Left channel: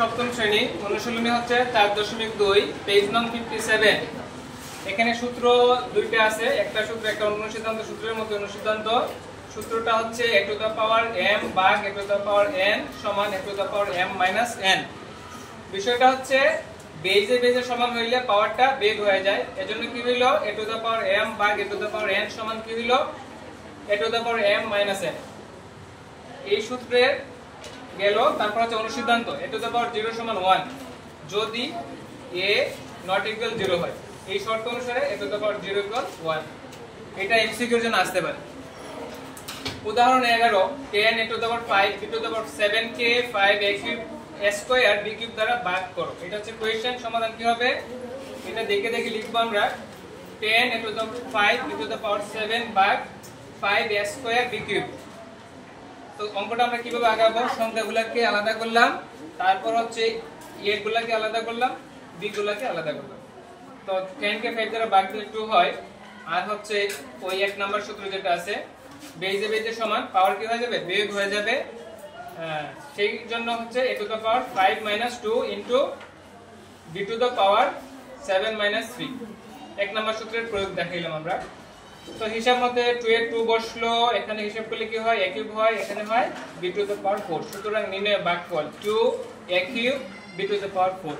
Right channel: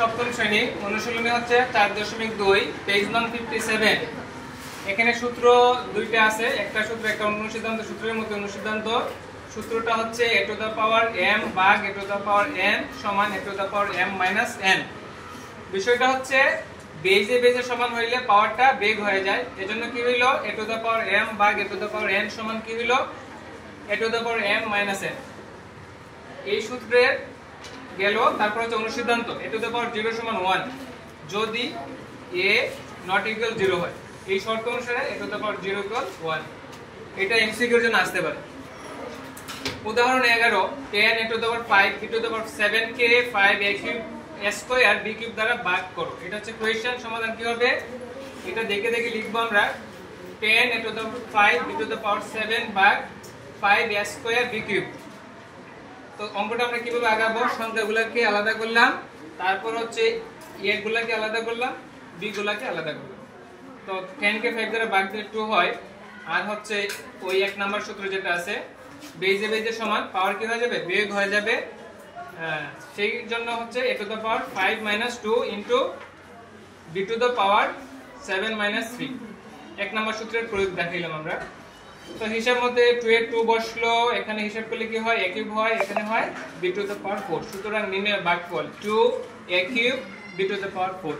সপ্তম শ্রেণী অনুশীলনী হচ্ছে 4.2 পেজ নং 57। এখানে সূত্র দুইটা আছে, একটা সূত্র একটা অনুসিদ্ধান্ত। সূত্রের মধ্যে অনুসিদ্ধান্ত সূত্রটা হচ্ছে a to the power m ভাগ a to the power n সমান a to the power m minus n। বিষয়টা হচ্ছে বেজে বেজে সমান হইলে পাওয়ারটা বেগ হয়ে যায়, এজন্য কি হইল a to the power m ভাগ a to the power n সমান কি হইল a to the power m minus n। এই সূত্রের গেল। তারপর হচ্ছে অনুসিদ্ধান্ত a টু দ্য পাওয়ার 0 সমান 1 যদি a নট ইকুয়াল 0 হয়। এই শর্ত অনুসারে a to the power 0 equal 1। এটা এমসিকিউর জন্য আসতে পারে। উদাহরণ 11 10 a to the power 5 b to the power 7 K 5 a cube a square b cube দ্বারা ভাগ করো। এটা হচ্ছে কোশ্চেন। সমাধান কি হবে এটা দেখে দেখে লিখব আমরা। 10 a to the power 5 b to the power 7 ভাগ 5 a স্কয়ার b কিউব। তো অঙ্কটা আমরা কিভাবে আগাবো, সংখ্যাগুলোকে আলাদা করলাম, তারপর হচ্ছে a গুলোকে আলাদা করলাম, b গুলোকে আলাদা করলাম। তো 10 কে 5 দ্বারা ভাগ দিলে 2 হয়। আর হচ্ছে ওই এক নাম্বার সূত্র যেটা আছে বেজে বেজে সমান পাওয়ার কি হয়ে যাবে বেগ হয়ে যাবে। সেই জন্য হচ্ছে a to the power 5 minus 2 into b to the power 7 minus 3। এক নাম্বার সূত্রের প্রয়োগ দেখাইলাম আমরা। তো হিসাব মতে 2 এর 2 বসলো, এখানে হিসাব করলে কি হয় a কিউব হয়, এখানে হয় b টু দ্য পাওয়ার 4। সুতরাং নির্ণয়ের ভাগফল 2 a cube b to the power 4।